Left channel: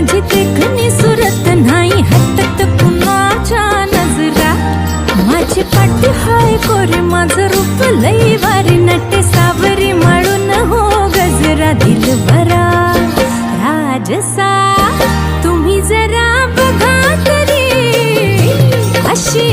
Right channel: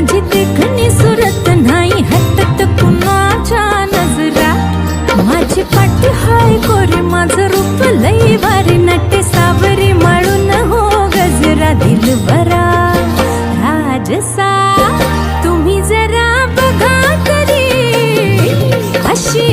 माझी देखणी सुरत नाही हटत कुणाच्या नजरा. माझी पाठी हाय कोरी माझं रूप लई भारी नटे सावरी माळून हो गजरा. दिलबरा राजसा तुम्ही जरा बघा तरी अशी